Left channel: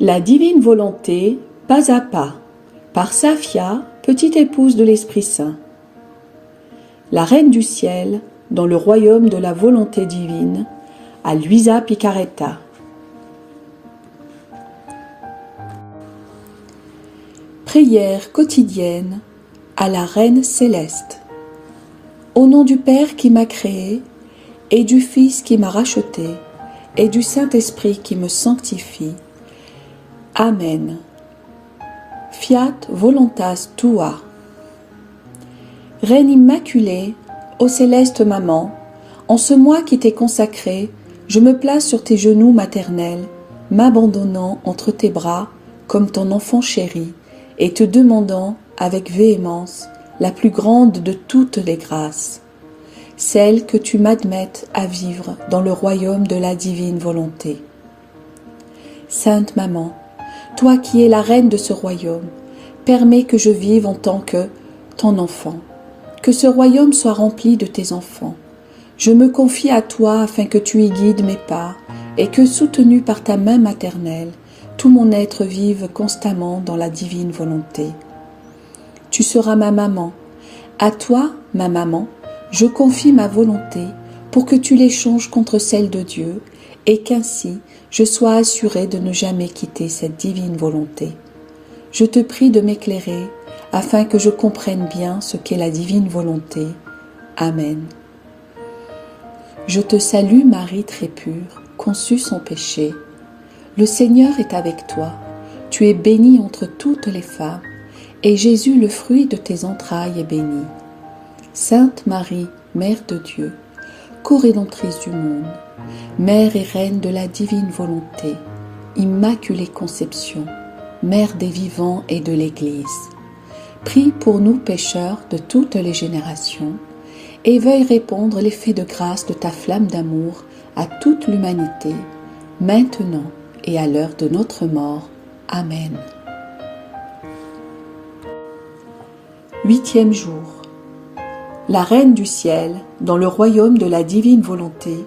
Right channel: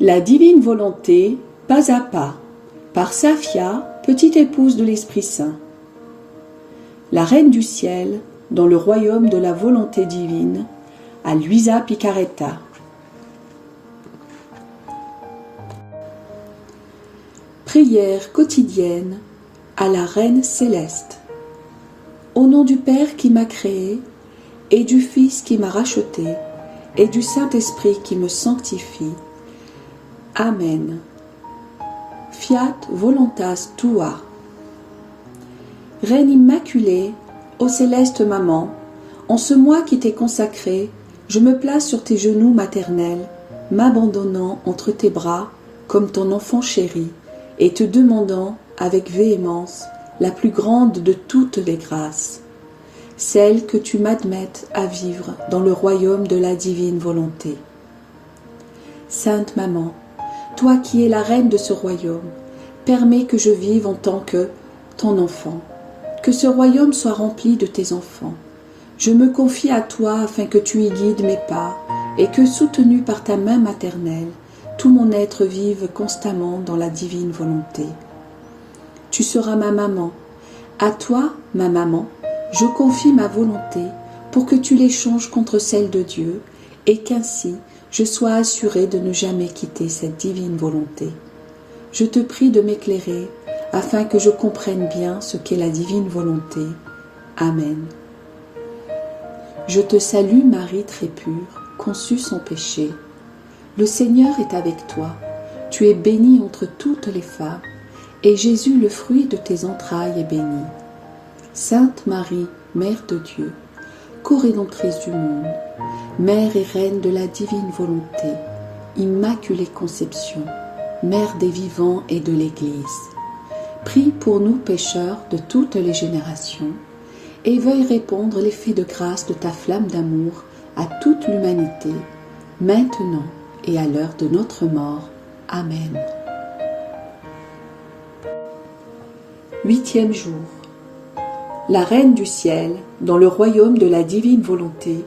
La divine volonté, pas à pas, par Safia, petite épouse de l'Esprit Saint. La Reine du Ciel, dans le royaume de la volonté divine, à Luisa Picaretta. Prière quotidienne à la Reine céleste. Au nom du Père qui m'a créé, et du Fils qui m'a racheté, et du Saint-Esprit qui me sanctifie. Amen. Fiat voluntas tua. Reine immaculée, ô céleste maman, en ce mois qui t'est consacré, je me place sur tes genoux maternels, m'abandonnant entre tes bras comme ton enfant chéri, et te demandant avec véhémence la plus grande de toutes les grâces, celle que tu m'admettes à vivre dans le royaume de la divine volonté. Sainte Maman, toi qui es la reine de ce royaume, permets que je vive en tant que ton enfant, que ce royaume soit rempli de tes enfants. Je me confie à toi afin que tu y guides mes pas et que, soutenu par ta main maternelle, tout mon être vive constamment dans la divine volonté. Tu seras ma maman. À toi, ma maman, je confie ma volonté pour que tu l'échanges contre celle de Dieu et qu'ainsi je sois assurée de ne jamais quitter cette divine volonté. Je te prie de m'éclairer afin que je comprenne bien ce qu'est la divine volonté. Amen. Je te salue Marie très pure, conçue sans péché. Le Seigneur est avec toi. Tu es bénie entre toutes les femmes, et Jésus, le fruit de tes entrailles, est béni. Sainte Marie, Mère de Dieu, co-rédemptrice du monde, Mère et Reine de la divine volonté, Immaculée Conception, Mère des vivants et de l'Église, prie pour nous pécheurs de toutes les générations, et veuille répandre l'effet de grâce de ta flamme d'amour à toute l'humanité, maintenant et à l'heure de notre mort. Amen. 8e jour. La Reine du Ciel, dans le royaume de la divine volonté,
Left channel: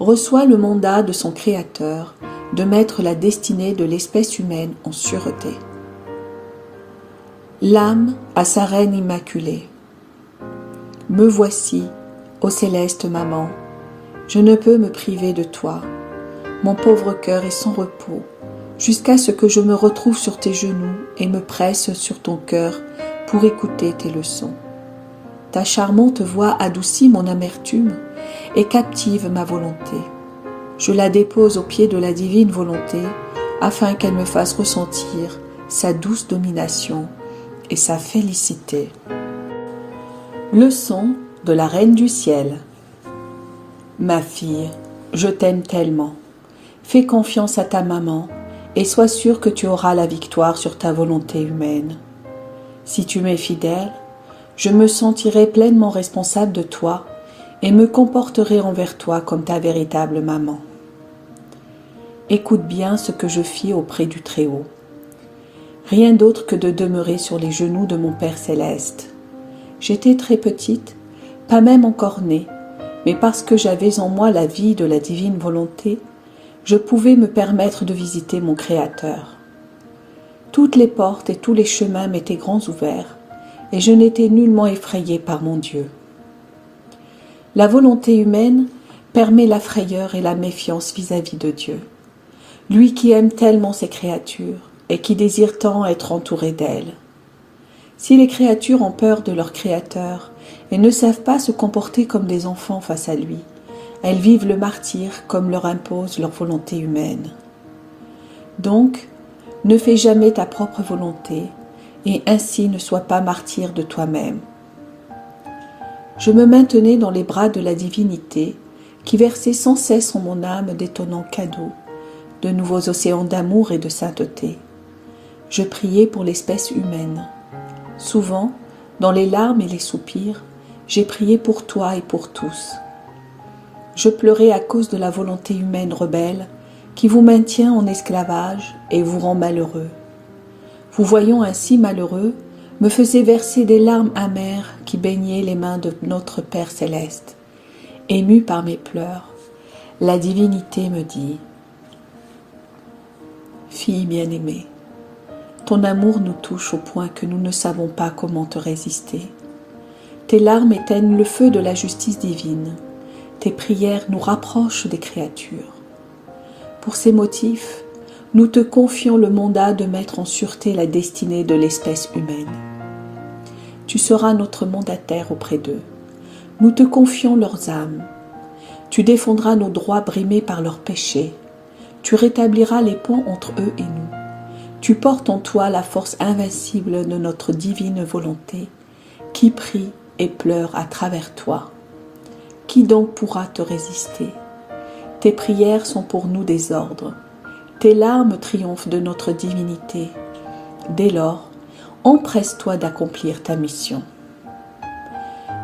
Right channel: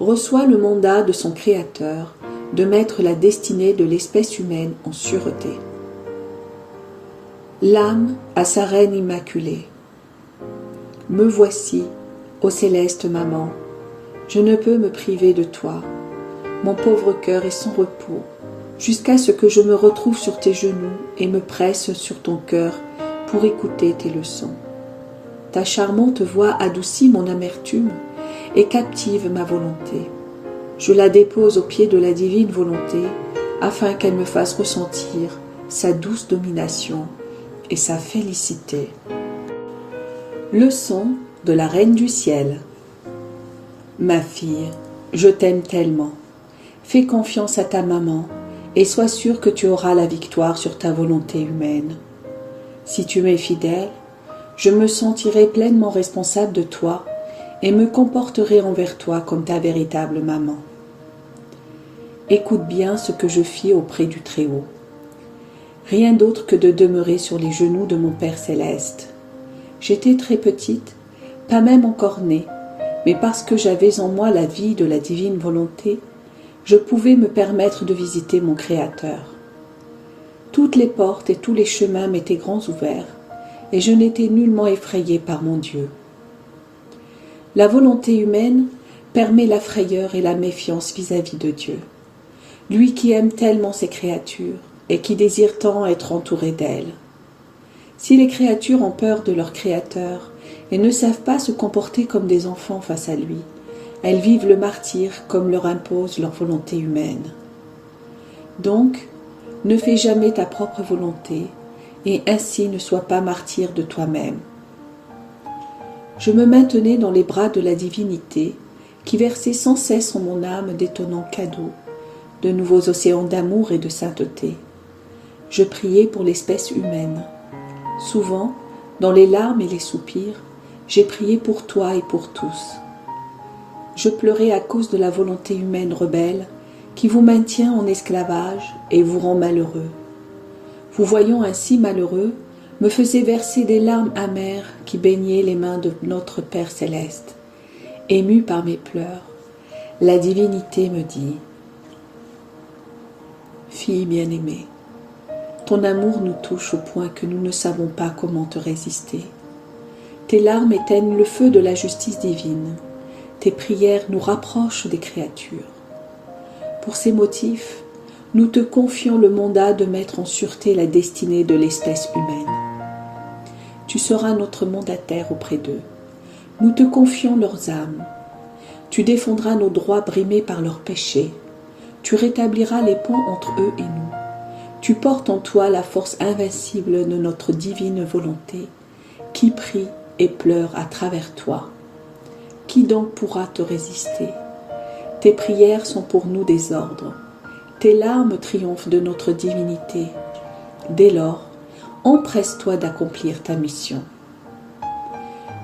reçoit le mandat de son Créateur de mettre la destinée de l'espèce humaine en sûreté. L'âme à sa Reine immaculée. Me voici, ô céleste maman, je ne peux me priver de toi. Mon pauvre cœur est sans repos, jusqu'à ce que je me retrouve sur tes genoux et me presse sur ton cœur pour écouter tes leçons. Ta charmante voix adoucit mon amertume et captive ma volonté. Je la dépose aux pieds de la divine volonté afin qu'elle me fasse ressentir sa douce domination et sa félicité. Leçon de la Reine du Ciel. Ma fille, je t'aime tellement. Fais confiance à ta maman et sois sûre que tu auras la victoire sur ta volonté humaine. Si tu m'es fidèle, je me sentirai pleinement responsable de toi et me comporterai envers toi comme ta véritable maman. Écoute bien ce que je fis auprès du Très-Haut. Rien d'autre que de demeurer sur les genoux de mon Père céleste. J'étais très petite, pas même encore née, mais parce que j'avais en moi la vie de la divine volonté, je pouvais me permettre de visiter mon Créateur. Toutes les portes et tous les chemins m'étaient grands ouverts, et je n'étais nullement effrayée par mon Dieu. La volonté humaine permet la frayeur et la méfiance vis-à-vis de Dieu, lui qui aime tellement ses créatures et qui désire tant être entouré d'elles. Si les créatures ont peur de leur Créateur et ne savent pas se comporter comme des enfants face à lui, elles vivent le martyre comme leur impose leur volonté humaine. Donc, ne fais jamais ta propre volonté, et ainsi ne sois pas martyr de toi-même. Je me maintenais dans les bras de la divinité, qui versait sans cesse en mon âme d'étonnants cadeaux, de nouveaux océans d'amour et de sainteté. Je priais pour l'espèce humaine. Souvent, dans les larmes et les soupirs, j'ai prié pour toi et pour tous. Je pleurais à cause de la volonté humaine rebelle qui vous maintient en esclavage et vous rend malheureux. Vous voyant ainsi malheureux, me faisait verser des larmes amères qui baignaient les mains de notre Père céleste. Ému par mes pleurs, la divinité me dit : Fille bien-aimée, ton amour nous touche au point que nous ne savons pas comment te résister. Tes larmes éteignent le feu de la justice divine. Tes prières nous rapprochent des créatures. Pour ces motifs, nous te confions le mandat de mettre en sûreté la destinée de l'espèce humaine. Tu seras notre mandataire auprès d'eux. Nous te confions leurs âmes. Tu défendras nos droits brimés par leurs péchés. Tu rétabliras les ponts entre eux et nous. Tu portes en toi la force invincible de notre divine volonté, qui prie et pleure à travers toi. Qui donc pourra te résister? Tes prières sont pour nous des ordres. Tes larmes triomphent de notre divinité. Dès lors, empresse-toi d'accomplir ta mission.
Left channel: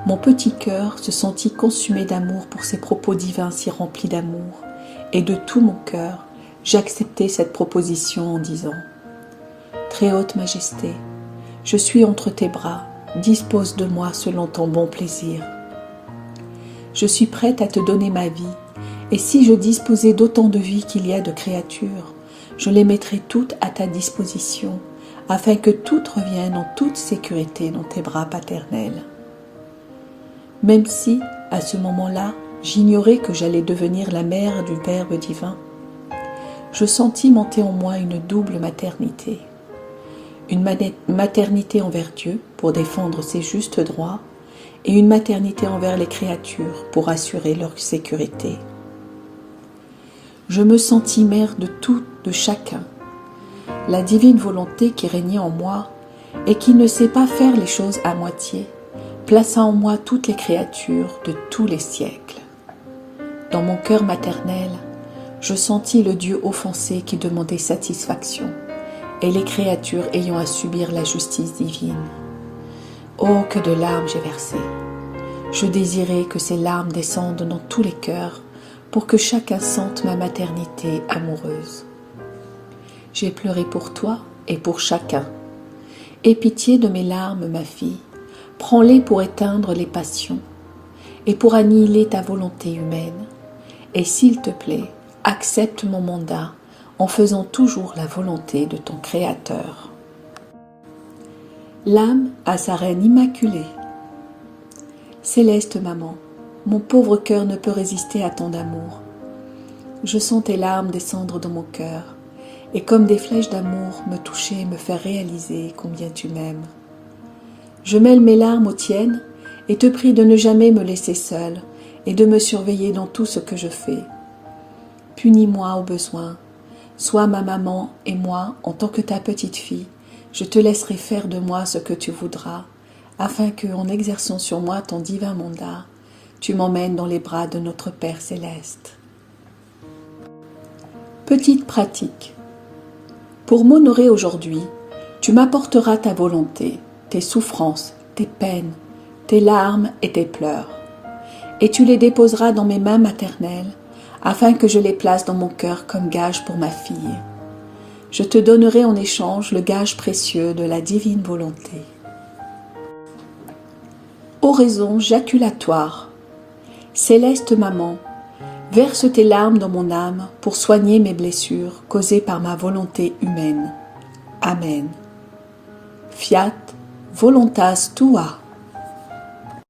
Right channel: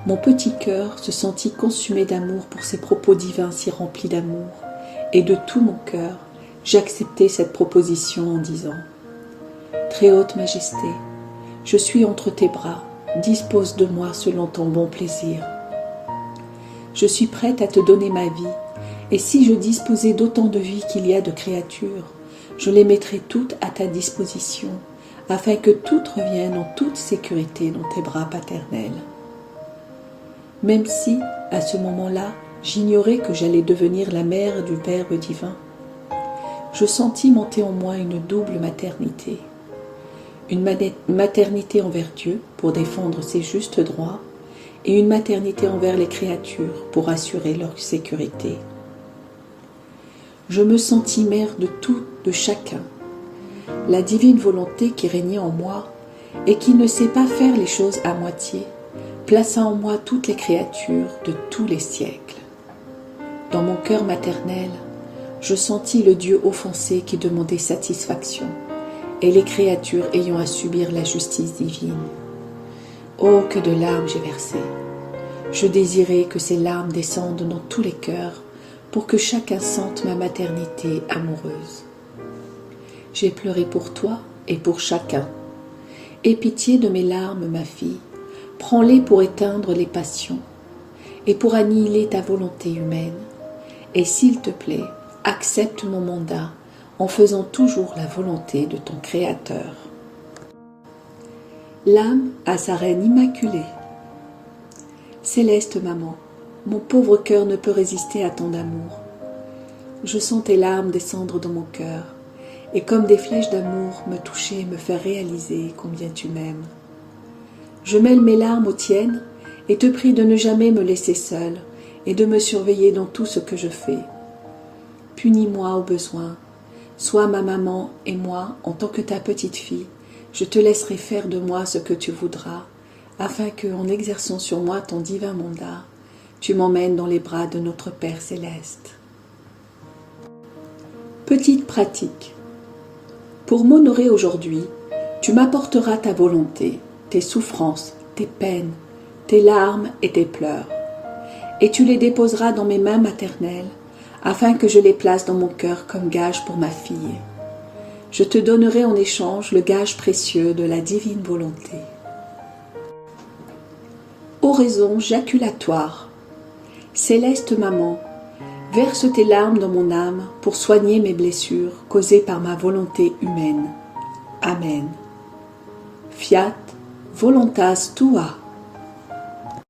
Mon petit cœur se sentit consumé d'amour pour ces propos divins si remplis d'amour, et de tout mon cœur, j'acceptai cette proposition en disant « Très haute Majesté, je suis entre tes bras, dispose de moi selon ton bon plaisir. Je suis prête à te donner ma vie, et si je disposais d'autant de vie qu'il y a de créatures, je les mettrais toutes à ta disposition, afin que toutes reviennent en toute sécurité dans tes bras paternels. » Même si, à ce moment-là, j'ignorais que j'allais devenir la mère du Verbe divin, je sentis monter en moi une double maternité. Une maternité envers Dieu pour défendre ses justes droits et une maternité envers les créatures pour assurer leur sécurité. Je me sentis mère de tout, de chacun. La divine volonté qui régnait en moi et qui ne sait pas faire les choses à moitié, plaça en moi toutes les créatures de tous les siècles. Dans mon cœur maternel, je sentis le Dieu offensé qui demandait satisfaction, et les créatures ayant à subir la justice divine. Oh, que de larmes j'ai versées! Je désirais que ces larmes descendent dans tous les cœurs pour que chacun sente ma maternité amoureuse. J'ai pleuré pour toi et pour chacun. Aie pitié de mes larmes, ma fille, prends-les pour éteindre les passions et pour annihiler ta volonté humaine. Et s'il te plaît, accepte mon mandat en faisant toujours la volonté de ton Créateur. L'âme a sa reine immaculée. Céleste maman, mon pauvre cœur ne peut résister à tant d'amour. Je sens tes larmes descendre dans mon cœur, et comme des flèches d'amour me toucher et me faire réaliser combien tu m'aimes. Je mêle mes larmes aux tiennes et te prie de ne jamais me laisser seule et de me surveiller dans tout ce que je fais. Punis-moi au besoin. Sois ma maman et moi, en tant que ta petite fille, je te laisserai faire de moi ce que tu voudras, afin que, en exerçant sur moi ton divin mandat, tu m'emmènes dans les bras de notre Père céleste. Petite pratique. Pour m'honorer aujourd'hui, tu m'apporteras ta volonté, tes souffrances, tes peines, tes larmes et tes pleurs, et tu les déposeras dans mes mains maternelles, afin que je les place dans mon cœur comme gage pour ma fille. Je te donnerai en échange le gage précieux de la divine volonté. Oraison jaculatoire. Céleste maman, verse tes larmes dans mon âme pour soigner mes blessures causées par ma volonté humaine. Amen. Fiat voluntas tua.